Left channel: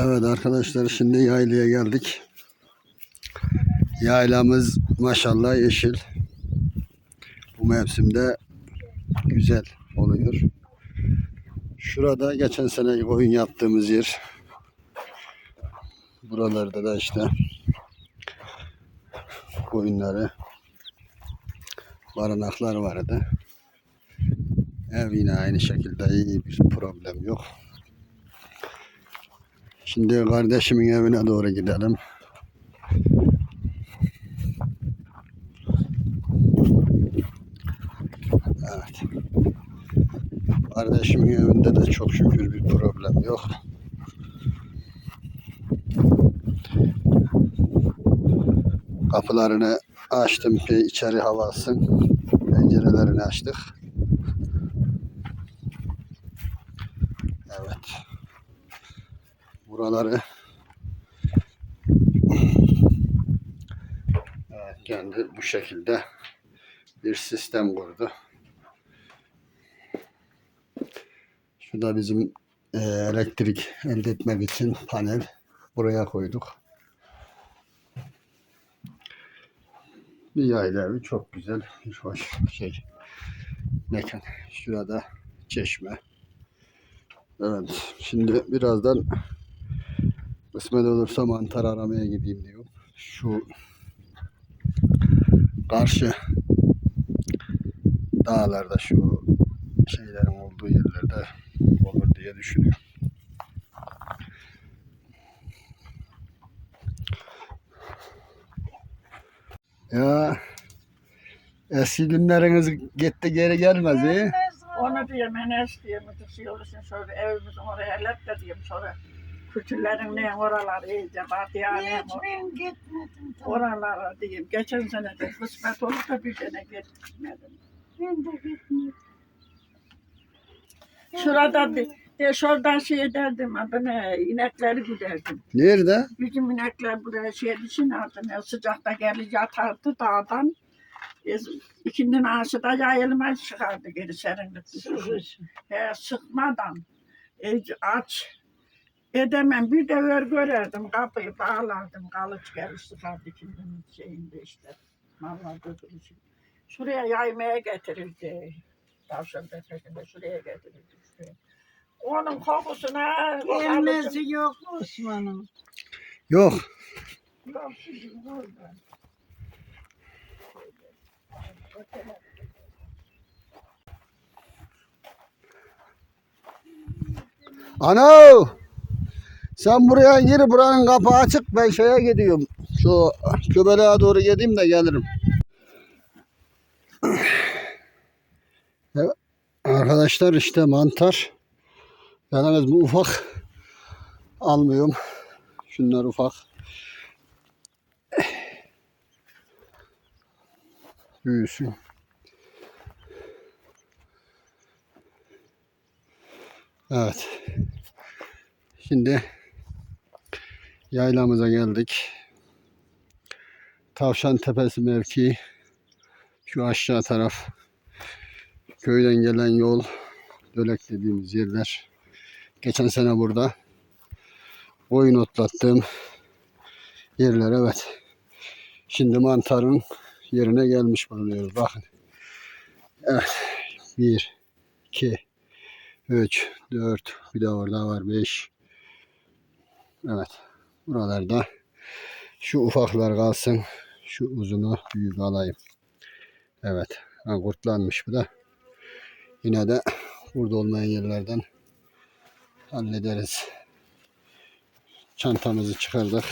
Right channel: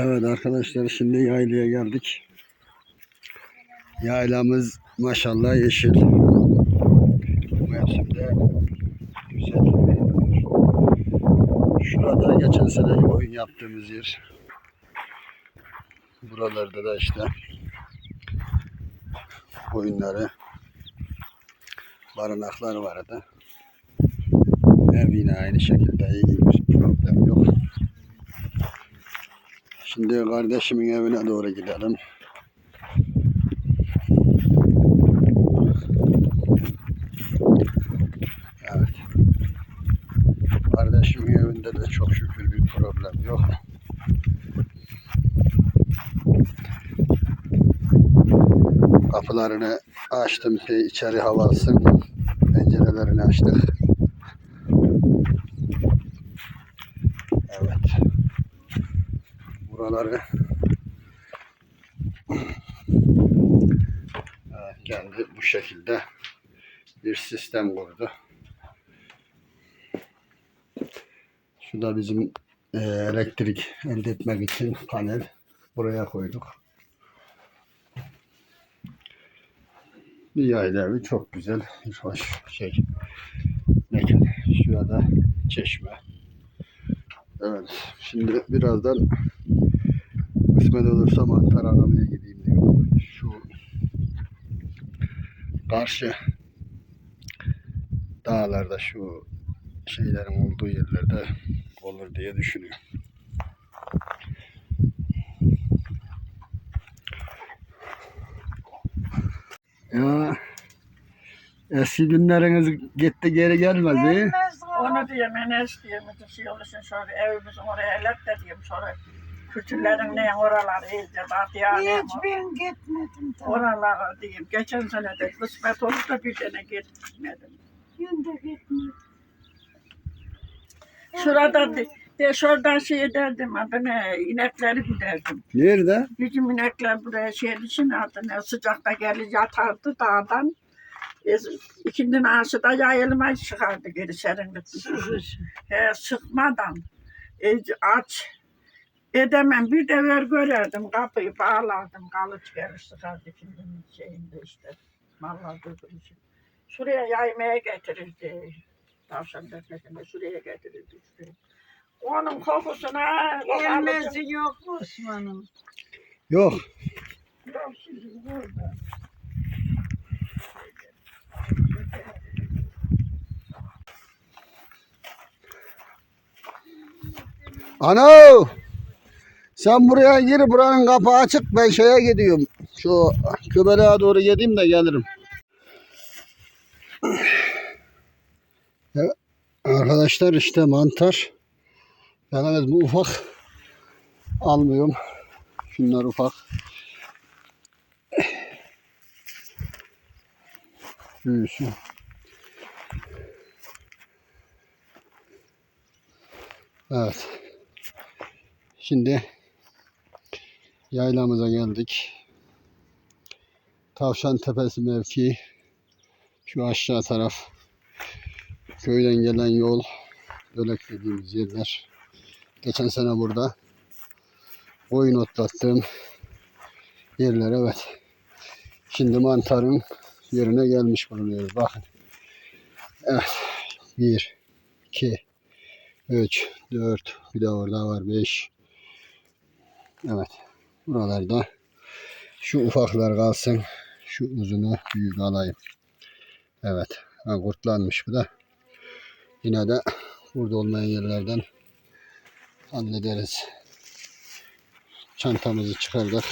Evet arkadaşlar şimdi yaylaya geldik. Yaylamız maşallah yeşil. Bu mevsimde güzel oluyor. Şurada geçen sene oyun yaptığımız yer. Buralarda da işte oyunları barınaklar vardı. Ev yine aynı şekilde iyi bir problem yok. Şimdi kardeşimin evine doğru gidelim. Evet. Kardeşimin evinde de çok şükür bir problem yok. Kapılarını açtım ki içeri hava alsın. Pencerelerini açtık. Evet. Buraları evet, kendi bu şekilde bir sistem kurdu. Şu da bizim e, elektrik elde etmek için panel buraya koyduk. Bir yayla evi çok güzel, bir hoş şey. Mekan. Şurada çeşme. Evet. Şimdi birazdan kısmet olursa mantar aramaya gideyim diyor. Şu karşı dağlarda şu şeylerin olduğu yerlerde olur diye düşünüyorum. Ya eski günleriniz gitti geri gelmez iyi. Onu diyeyim, Enes diyeyim, düşüyorsun şöyle evimizin oraya ellet de diyeyim sonra. Kültürlerin ne oralar iyice batıya ne Hiç ben gitmedim. tabii. oralara diyeyim. Geçen sene de kısmet olup da bir sene gitmedim. Ben de gitmedim. Şurada de, de şuradan şey derdim adını inekleri güderdim. Nerede? Bizim inekler buraya şey için adını sıcakta gelir yatardı dağdan. E, ikindinin ağası da yayılmaya çıkardı geri serinlik. He, sıkmadan e, aç edemem. Bir de ver görerdim kapıyı bağlardım. Kalıç sıkardı ikindinin şeyinde işte. Mallar için. Şuraya yaymaya getirirdi. Tavşan tepesinde şuraya getirirdi işte. Onun kokusuna Gelmesi yok mu Osman'ın? Yok. Yok şimdi burada. Ana! Sen buraya gir buranın kapağı açık ben şeye gidiyorum. Şu köbeleğe doğru gideyim de gelirim. Evet. Arkadaşlar işte mantar. Yalnız bu ufak. Almıyorum. Şunlar ufak. Büyüsün. Evet. Şimdi yaylamıza geldik. Tavşan Tepesi mevkii. Şu aşağı taraf. Köyden gelen yol. Dölek dediğimiz yerler. Geçen sene burada oyun otlattığım yerler evet. Şimdi mantarın yerine gelmiş bulunuyoruz. Bakın. Evet. Bir, iki, üç, dört, bir de orada var beş. Evet. Buralarda şu ufaklar kalsın. Şu uzunu büyük alayım. Evet. Ha, kurtlanmış bu da. Yine de burada olmayan yerlerden hallederiz. Çantamızı çıkardık.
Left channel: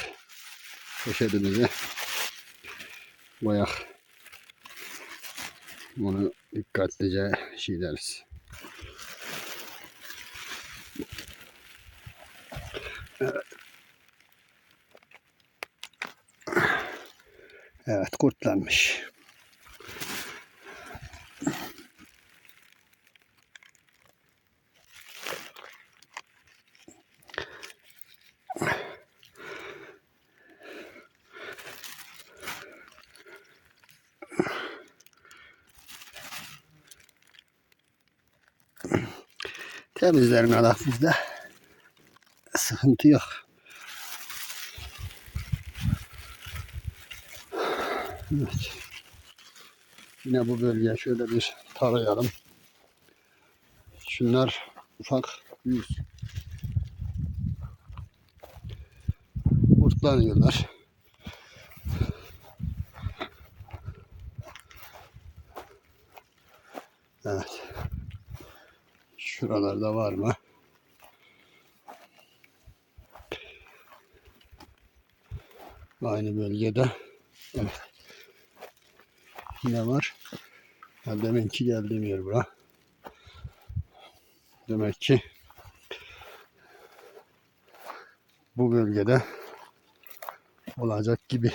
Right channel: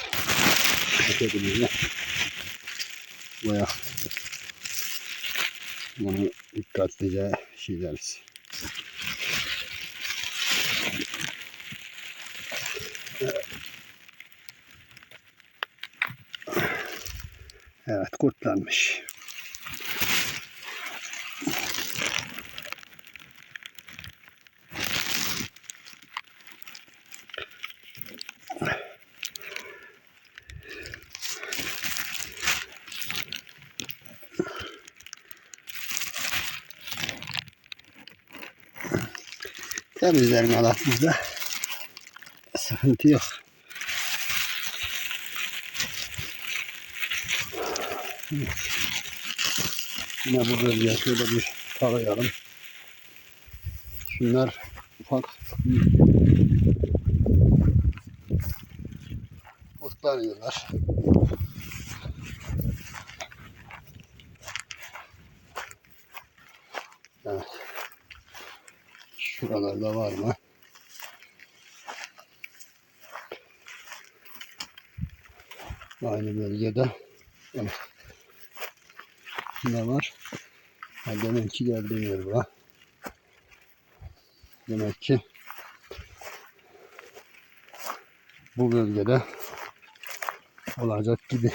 Paketimizi koyak. Bunu dikkatlice şey deriz. Evet kurtlanmış. Temizlerin alak bizde. Sıkıntı yok. Yine bu bölgeye şöyle bir tarayalım. Şunlar ufak büyüsün. Otlanıyorlar. Evet. Şuralarda var mı? Aynı bölgede. Evet. Ne var? Ha, demek ki geldiğim yer bura. Demek ki bu bölgede olacak gibi.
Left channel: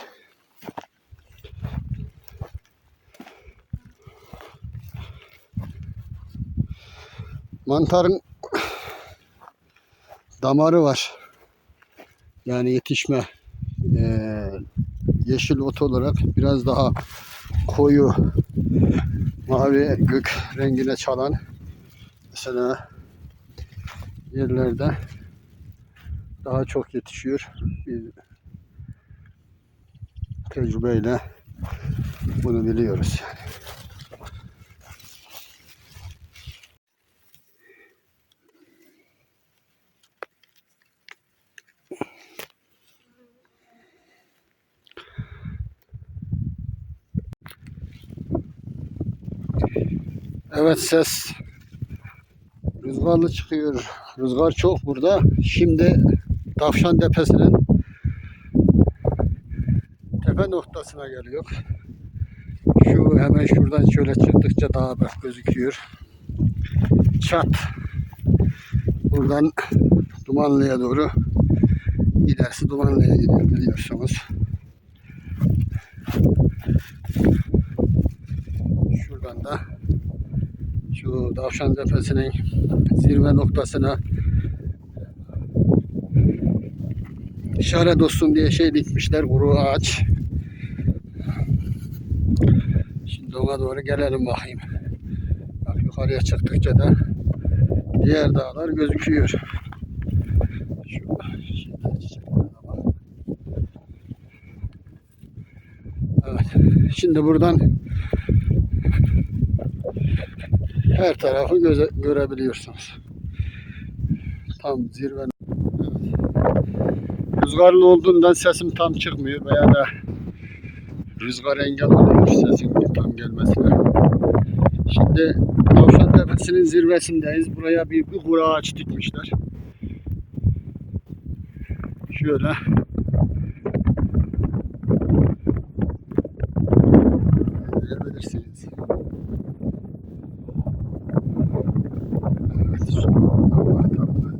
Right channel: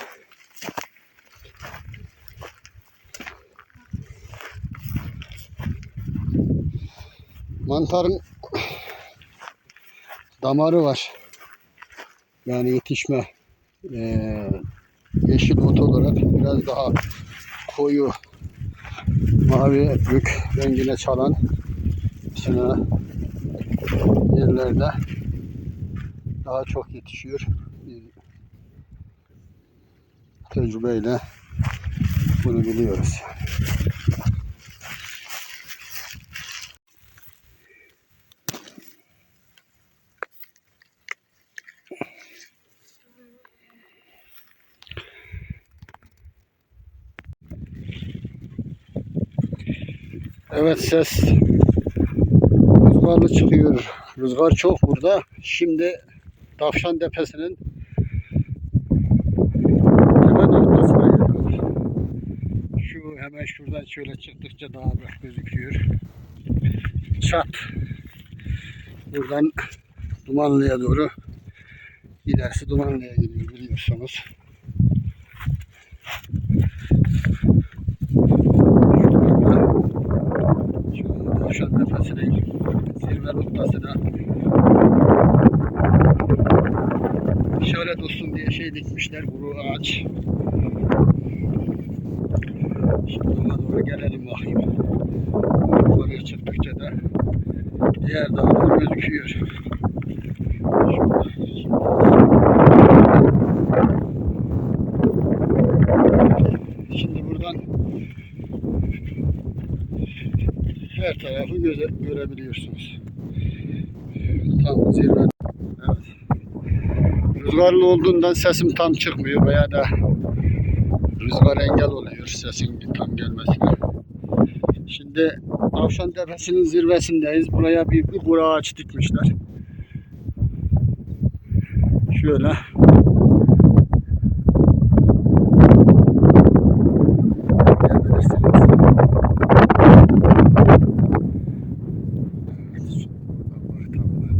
Mantarın damarı var. Yani yetişme eee, yeşil ot olarak biraz daha koyu mavi gök rengine çalan mesela yerlerde daha çok yetişiyor. Biz tecrübeyle bunu biliyoruz. Evet ses rüzgarlı çıkıyor. Rüzgar çok burada. Şimdi Tavşan Tepesi'nin tepe noktasına geliyor. Şu hemen şuradan şöyle çıktıkça daha bak gözüküyor. Çat. Buradan Dumanlı'ya doğru ilerisi Dumanlı'ya gidiyor biliyorsunuz. Şuradan da şu Tavşan Tepesi'nin zirve noktasına işaret olsun diye şey dikmişler kuru ağaç. Şimdi ona doğru gelelim bakayım. Yukarıya çıktıkça da diğer dağlar gözüküyor. Şimdi buradan her tarafı göze, görebiliyorsunuz. Tam zirve. Evet. Rüzgarlı olduğundan sesim tam çıkmıyor veya da rüzgar engel oluyor sesin tam gelmesine. Şimdi Tavşan Tepesi'nin zirvesindeyiz. Buraya bir, bir kuru ağaç dikmişler. Şöyle. Gelebilirsiniz. Evet, şu Allah tapınağı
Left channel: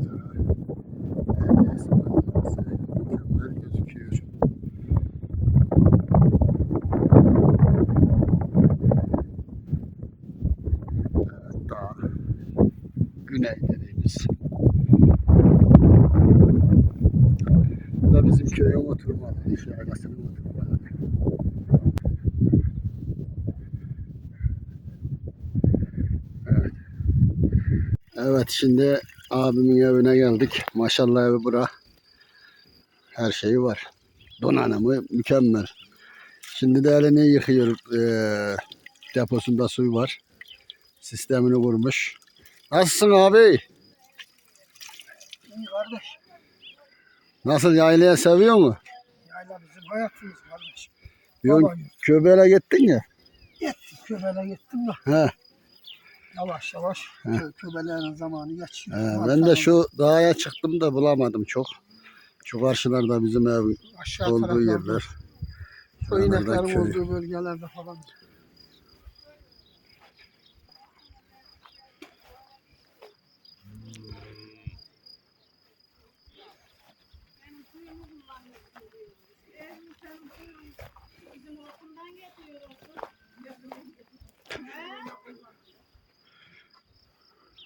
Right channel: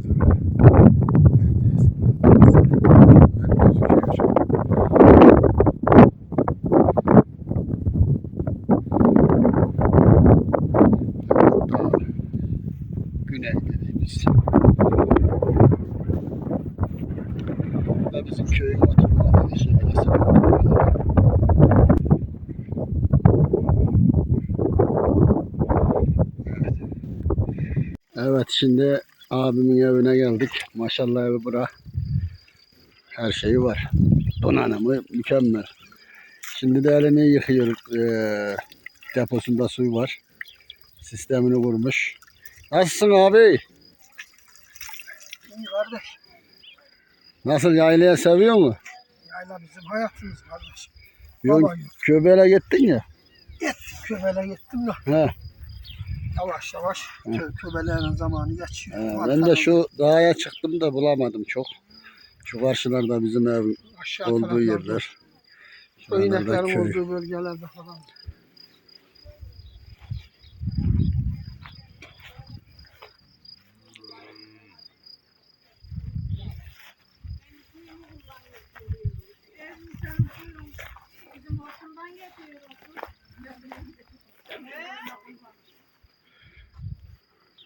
gözüküyor. Daha güney dediğimiz. Bu bizim köyün oturma alanı arası. Evet. Evet şimdi abimin evine geldik. Maşallah evi bura. Her şeyi var. Donanımı mükemmel. Şimdi de elini yıkıyor. Ee, deposunda suyu var. Sistemini kurmuş. Nasılsın abi? İyi kardeş. Nasıl yaylaya seviyor mu? Yayla bizim hayatımız kardeş. Baba yok. köbeğe gittin ya. Gittim köbele gittim de He, yavaş yavaş kö köbelerin zamanı geçiyor. he, ben de şu dağa çıktım da bulamadım çok. Şu karşılarda bizim ev aşağı olduğu yerler. Şuralarda ineklerin köy. olduğu bölgelerde falan.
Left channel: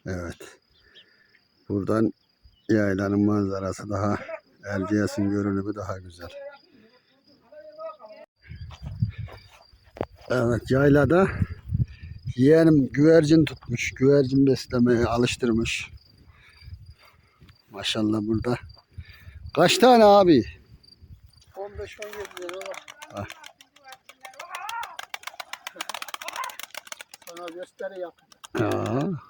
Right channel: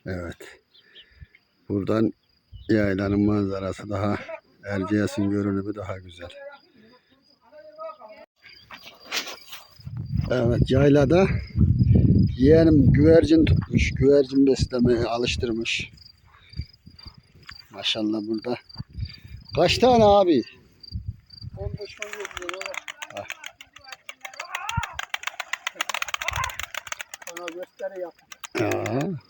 Evet. Buradan yaylanın manzarası daha Erciyes'in görünümü daha güzel. Evet yaylada yeğenim güvercin tutmuş. Güvercin beslemeye alıştırmış. Maşallah burada. Kaç tane abi? 15-17 lira var. gösteri yap. Ya.